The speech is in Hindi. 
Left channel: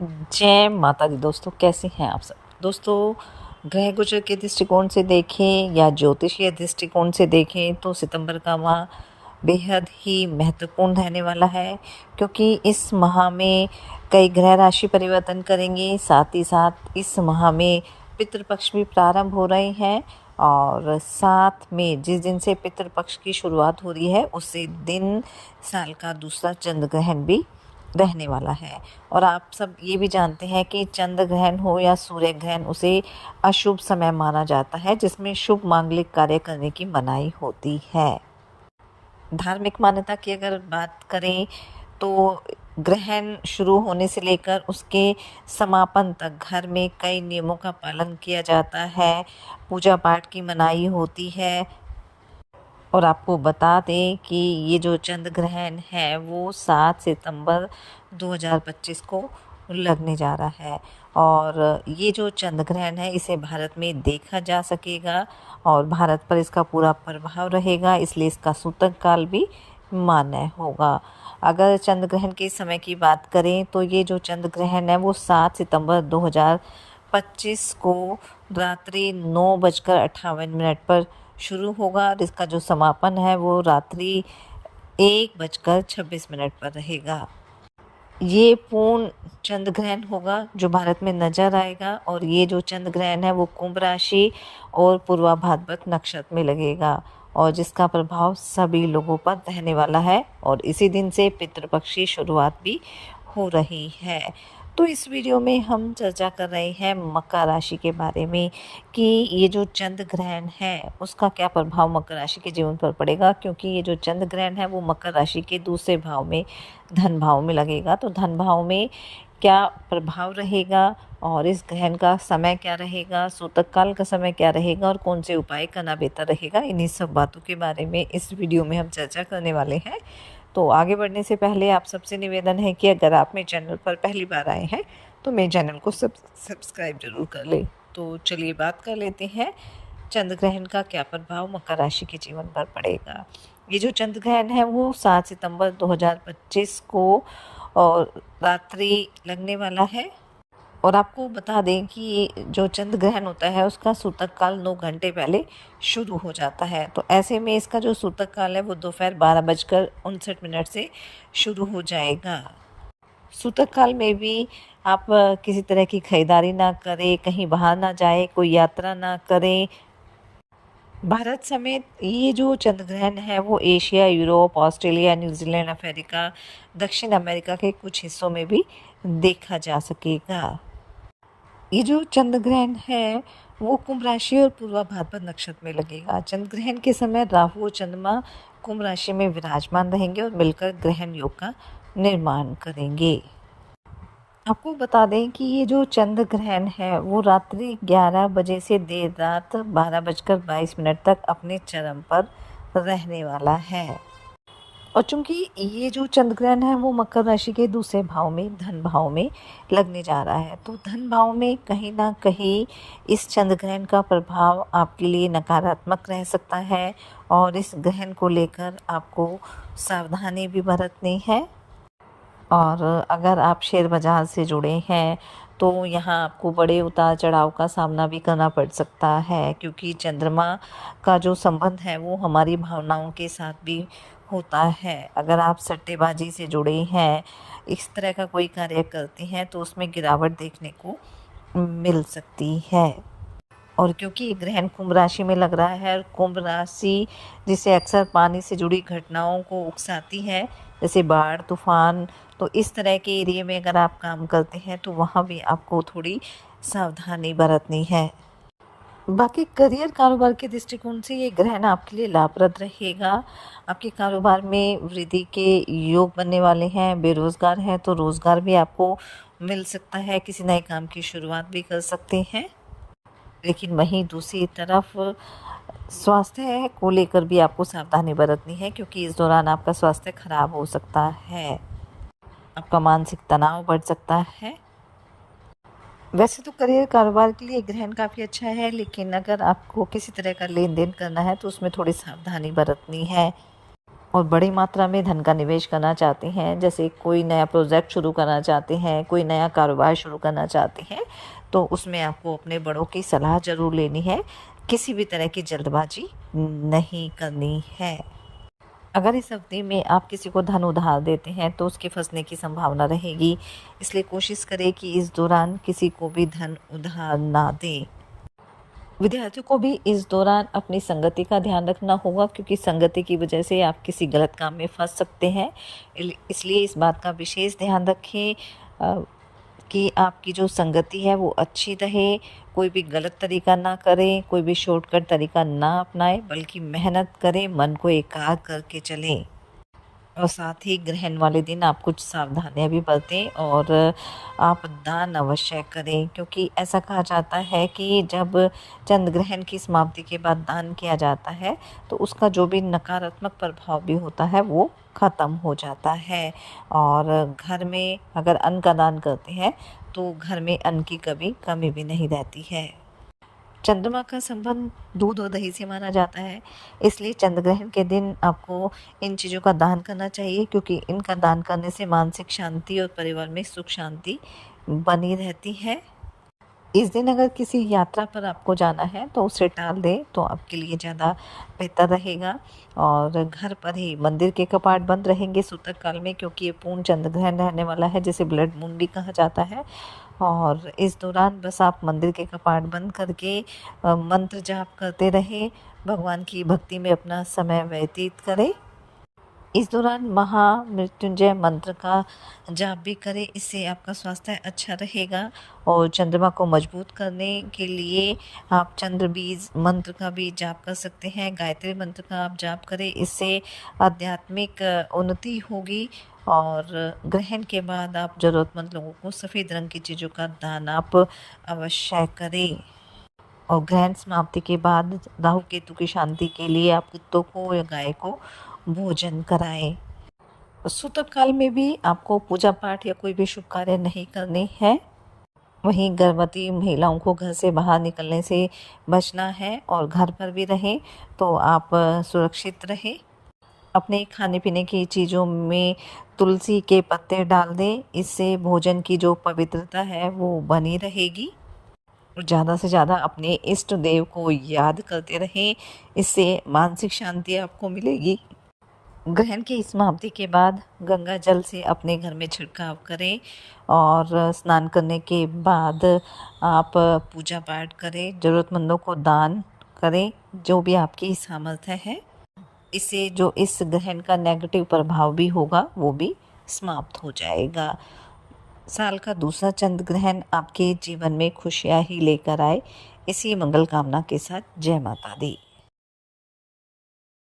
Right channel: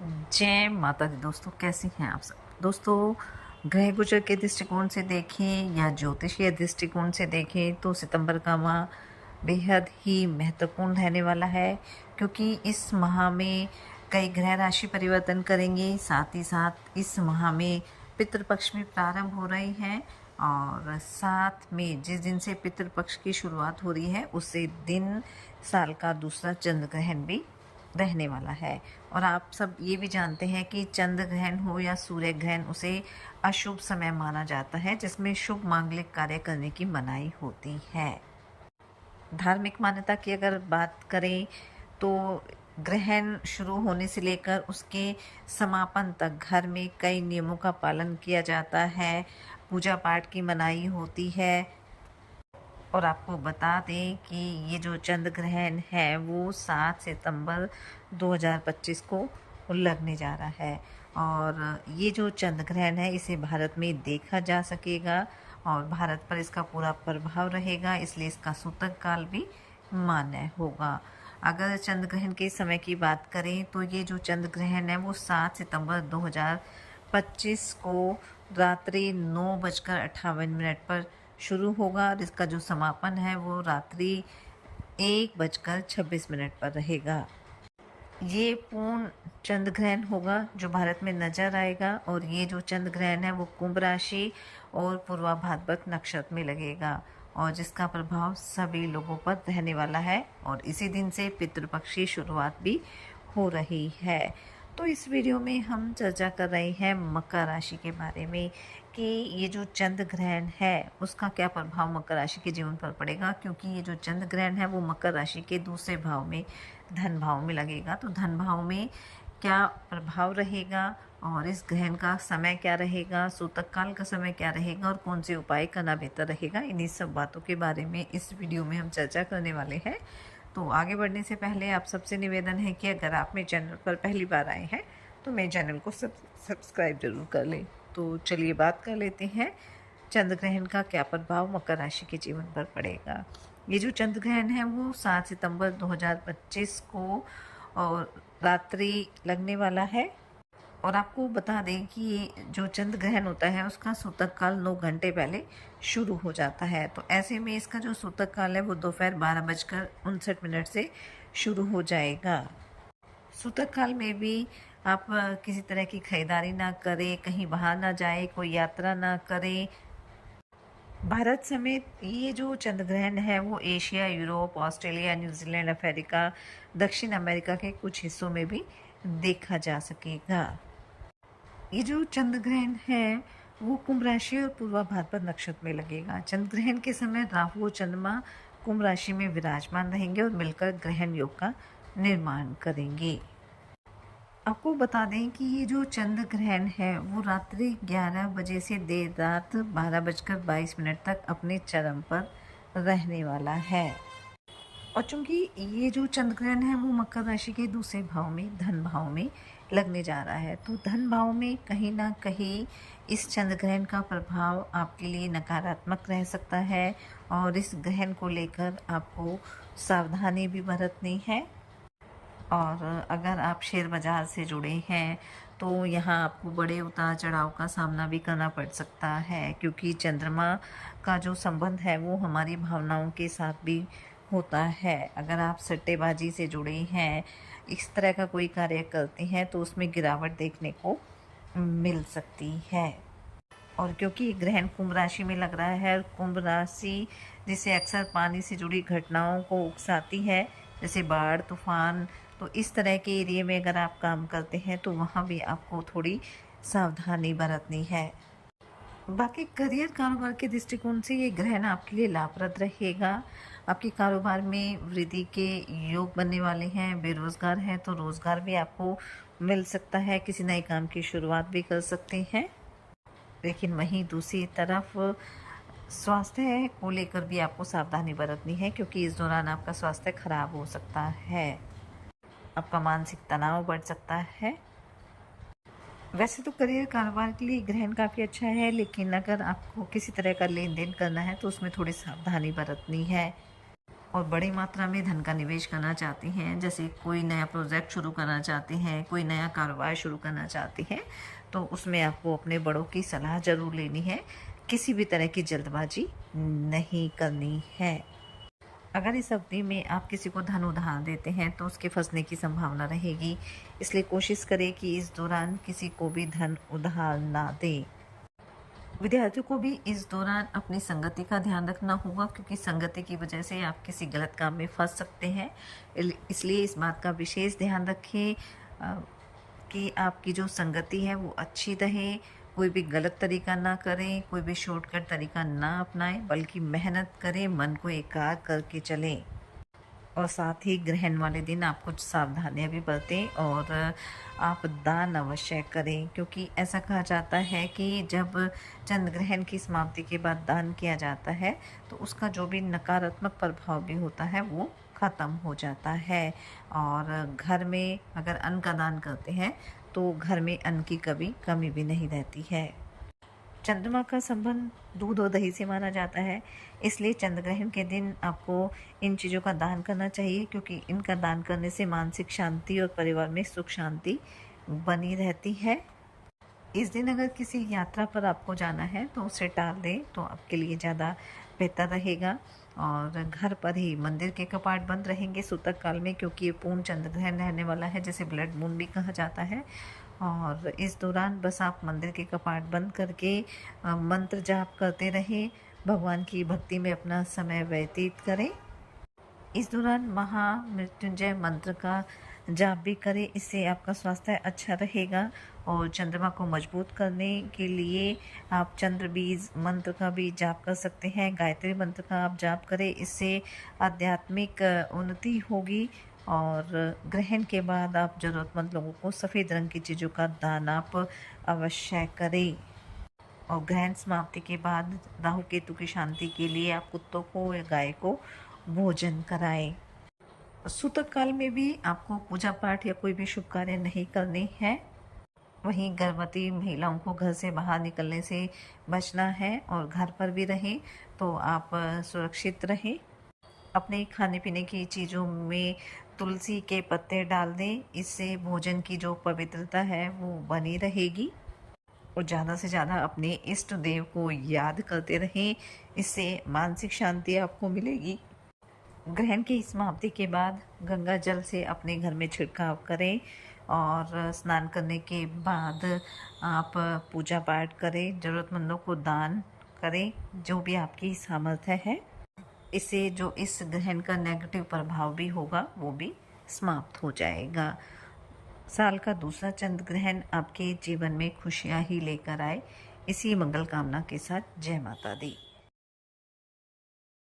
जय माता दी दोस्तों, कैसे हैं आप सब। दोस्तों, ग्रह गोचर के दृष्टिकोण से देखें या ज्योतिषीय दृष्टिकोण से देखें तो सितंबर का माह बेहद ही महत्वपूर्ण रहने वाला है, क्योंकि इस माह में कई ग्रह राशि परिवर्तन करेंगे। साथ ही साथ इस माह में पितृपक्ष भी प्रारंभ हो रहे हैं और साथ में जिस दिन से पितृपक्ष की शुरुआत हो रही है उसी दिन साल का दूसरा चंद्र ग्रहण भी रहने वाला है। और आप सब ये भी जानते हैं कि चंद्र ग्रहण हो या सूर्य ग्रहण, उसे अशुभ समय माना जाता है, जिसमें शुभ मांगलिक कार्य करने की मनाही होती है। धार्मिक मान्यता की अगर बात करें तो ग्रहण शुरू होने से लेकर उसके समापन तक घर में कई नियमों का पालन किया जाता है, पूजा पाठ की मनाही होती है। और आपको बता दें कि ये जो चंद्र ग्रहण है वो 7 सितंबर 2025 को लगने जा रहा है। और ये जो चंद्र ग्रहण है इसे भारत में देखा जा सकेगा और भारत पर इसका पूरा प्रभाव रहेगा, इसलिए इसका सूतक काल भी मान्य होगा। अगर चंद्र ग्रहण के समय की बात करें तो ये जो चंद्र ग्रहण है वो 7 सितंबर 2025 को रात्रि 9:58 पर शुरू होगा और इसका जो समापन है वो रात्रि 1:26 पर रहेगा। ये पूर्ण चंद्र ग्रहण होगा जो भारत में नजर आएगा और ये जो चंद्र ग्रहण है वो कुंभ राशि और पूर्वा भाद्रपद नक्षत्र में लगेगा और जिसका प्रभाव सभी लोगों पर रहने वाला है। और इसी दिन से पितृपक्ष की शुरुआत भी हो रही है। तो इस वीडियो में हम चर्चा कर रहे हैं मकर राशि के बारे में कि ये जो चंद्र ग्रहण है उसका क्या प्रभाव मकर राशि के जीवन पर पड़ेगा, क्योंकि ये जो चंद्र ग्रहण है वो मकर राशि के दूसरे भाव में, धन भाव में लगेगा। तो धन भाव में क्या प्रभाव रहेगा और इस ग्रहण का समय क्या रहेगा, सूतक काल का समय क्या रहेगा और कौन से उपाय करना बेहतर रहेगा, इन्हीं सब बातों के बारे में इस वीडियो में हम चर्चा करने वाले हैं। तो आगे बढ़ने से पहले आप सबसे निवेदन है कि अगर आप मेरे चैनल पर पहली बार आए हैं तो मेरे चैनल को सब्सक्राइब जरूर कर लें। तो चलिए बात कर लेते हैं चंद्र ग्रहण का क्या प्रभाव मकर राशि के जीवन पर पड़ेगा। ये जो चंद्र ग्रहण है वो 7 सितंबर 2025 को और रात्रि लगने वाला है। और आपको बता दें कि जो चंद्र ग्रहण होता है उसका सूतक काल 9 घंटे पहले शुरू हो जाता है। तो ऐसे में इसका जो सूतक काल है वो दोपहर 12:59 से शुरू हो जाएगा। सूतक काल में भी आप किसी तरह की खरीदारी ना करें, कहीं बाहर ना जाए, कोई यात्रा ना करें। भारत समेत ये जो चंद्र ग्रहण है वो Asia, Europe, Australia, New Zealand, America, दक्षिण अमेरिका के कुछ हिस्सों में भी देखा जा सकेगा। ये जो चंद्र ग्रहण है वो कुंभ राशि और पूर्वा भाद्रपद नक्षत्र में लगेगा। चंद्र ग्रहण के समय राहु और चंद्रमा कुंभ राशि में विराजमान रहेंगे और मिलकर ग्रहण योग का निर्माण करेंगे। आपको बता दें कि ये जो चंद्र ग्रहण है वो रात्रि 11 बजे से देर रात 12:22 तक अपने चरम पर रहने वाला है। और चूंकि ये जो चंद्र ग्रहण है वो मकर राशि के दूसरे भाव में, धन भाव में लगने जा रहा है, तो धन भाव में कहीं ना कहीं इस चंद्र ग्रहण का प्रभाव आपके लिए नकारात्मक रह सकता है और इस ग्रहण को लेकर आपको सावधानी भी बरतनी है। और अगर आप शेयर बाजार से जुड़े हैं तो यहाँ आपको बड़े उतार चढ़ाव का सामना भी करना पड़ सकता है, क्योंकि चंद्रमा का जो संबंध है वो हमारी भावनाओं के साथ भी होता है। अगर आप सट्टेबाजी से जुड़े हैं, इस तरह का कोई कार्य करते हैं तो उसमें गिरावट देखने को मिल सकती है। और क्योंकि ग्रहण कुंभ राशि में लग रहा है और कुंभ राशि जिसे अक्सर पानी से जुड़ी घटनाओं को उकसाती है, जैसे बाढ़, तूफान, तो इस तरह के एरिया में अगर आप काम करते हैं तो वहाँ भी आपको थोड़ी सावधानी बरतनी है। बाकी करियर कारोबार के दृष्टिकोण से ये ग्रहण आपके लिए लाभप्रद रहेगा। आपके कारोबार में वृद्धि के योग बनने वाले हैं। बेरोजगार हैं तो रोजगार भी आपको मिल सकता है, किसी नए काम की शुरुआत भी कर सकते हैं। लेकिन वहीं दूसरी तरफ स्वास्थ्य को लेकर भी आपको सावधानी बरतनी है, क्योंकि इस दौरान आपका स्वास्थ्य खराब हो सकता है, आपका मानसिक तनाव बढ़ सकता है। वैसे तो करियर कारोबार के लिए ग्रहण काफ़ी अच्छा है, लेकिन अगर आपको किसी तरह का लेन देन करना है तो उसमें थोड़ी सावधानी बरतनी है। और बड़ी मात्रा में धन का निवेश करना चाहते हैं, जैसे कोई नया प्रोजेक्ट शुरू करना चाहते हैं, कोई नया कारोबार शुरू करना चाहते हैं, तो उसमें आपको अपने बड़ों की सलाह ज़रूर लेनी है। किसी भी तरह की जल्दबाजी नहीं करनी है। अगर इस अवधि में आप किसी को धन उधार देते हैं तो उसके फंसने की संभावना रहेगी, इसलिए कोशिश करें कि इस दौरान किसी को भी धन उधार ना दें। विद्यार्थियों को भी इस दौरान अपनी संगति का ध्यान रखना होगा, क्योंकि संगति की वजह से आप किसी गलत काम में फंस सकते हैं। इसलिए इस बात का विशेष ध्यान रखें कि आपकी जो संगति है वो अच्छी रहे, कोई भी गलत तरीका ना करें, कोई भी शॉर्टकट तरीका ना अपनाएं, बल्कि मेहनत करें, मन को एकाग्र करके चलें। और साथ ही ग्रहण वाले दिन आप कुछ सावधानियां भी बरतें और आप दान अवश्य करें, क्योंकि ऐसा कहा जाता है कि जब चंद्र ग्रहण की समाप्ति के बाद दान किया जाता है तो उसका जो भी नकारात्मक प्रभाव भी होता है वो ख़त्म हो जाता है। और घर में अगर अन्न का दान करते हैं तो घर में अन्न की कभी कमी भी नहीं रहती है। चंद्रमा का संबंध दूध और दही से माना जाता है, इसलिए चंद्र ग्रहण के दिन आपको इन चीज़ों का दान करना चाहिए, क्योंकि इनका दान करने से मानसिक शांति और परिवार में सुख शांति बनी रहती है। इस दिन अगर किसी यात्रा पर आपको जाना है तो उसे टाल दें तो आपके लिए ज़्यादा बेहतर रहेगा। और घर पर ही मंदिर के कपाट बंद रहेंगे सूतक काल में, क्योंकि ये पूर्ण चंद्र ग्रहण रहने वाला है, जिसे ब्लड मून भी कहा जाता है। और इस दौरान बस आप मंदिर के कपाट बंद करके मंत्र जाप करते रहें, भगवान की भक्ति में अपना समय व्यतीत करें। इस दौरान महामृत्युंजय मंत्र का जाप भी करें, इससे आपका स्वास्थ्य अच्छा रहेगा। और चंद्रमा को मजबूत करने के लिए आप चंद्र बीज मंत्र का भी जाप कर सकते हैं, गायत्री मंत्र का आप जाप करें, इससे आध्यात्मिक उन्नति होगी। और ग्रहण के बाद आप ज़रूरतमंद लोगों को सफ़ेद रंग की चीज़ों का दान आप अवश्य करें। और ग्रहण समाप्ति के बाद राहु केतु की शांति के लिए आप कुत्तों को या गाय को भोजन कराएं। सूतक काल में भी आपको पूजा पाठ या कोई भी शुभ कार्य नहीं करने हैं। वहीं गर्भवती महिलाओं को घर से बाहर निकलने से बचना है, और घर पर भी रहें तो आप सुरक्षित रहें। अपने खाने पीने की चीज़ों में तुलसी के पत्ते डाल दें, इससे भोजन की जो पवित्रता है वो बनी रहेगी। और ज़्यादा से ज़्यादा अपने इष्ट देव को याद करते रहें, इससे मानसिक शांति आपको मिलेगी। ग्रहण की समाप्ति के बाद गंगा जल से अपने घर में छिड़काव करें, और स्नान करने के बाद आप पूजा पाठ करें, ज़रूरतमंदों को दान करें, जो भी आपकी सामर्थ्य है। इससे जो इस ग्रहण का नेगेटिव प्रभाव भी होगा वो भी समाप्त हो जाएगा। साल का दूसरा चंद्र ग्रहण आपके जीवन में खुशियाँ ही लेकर आए, इसी मंगल कामना के साथ जय माता दी।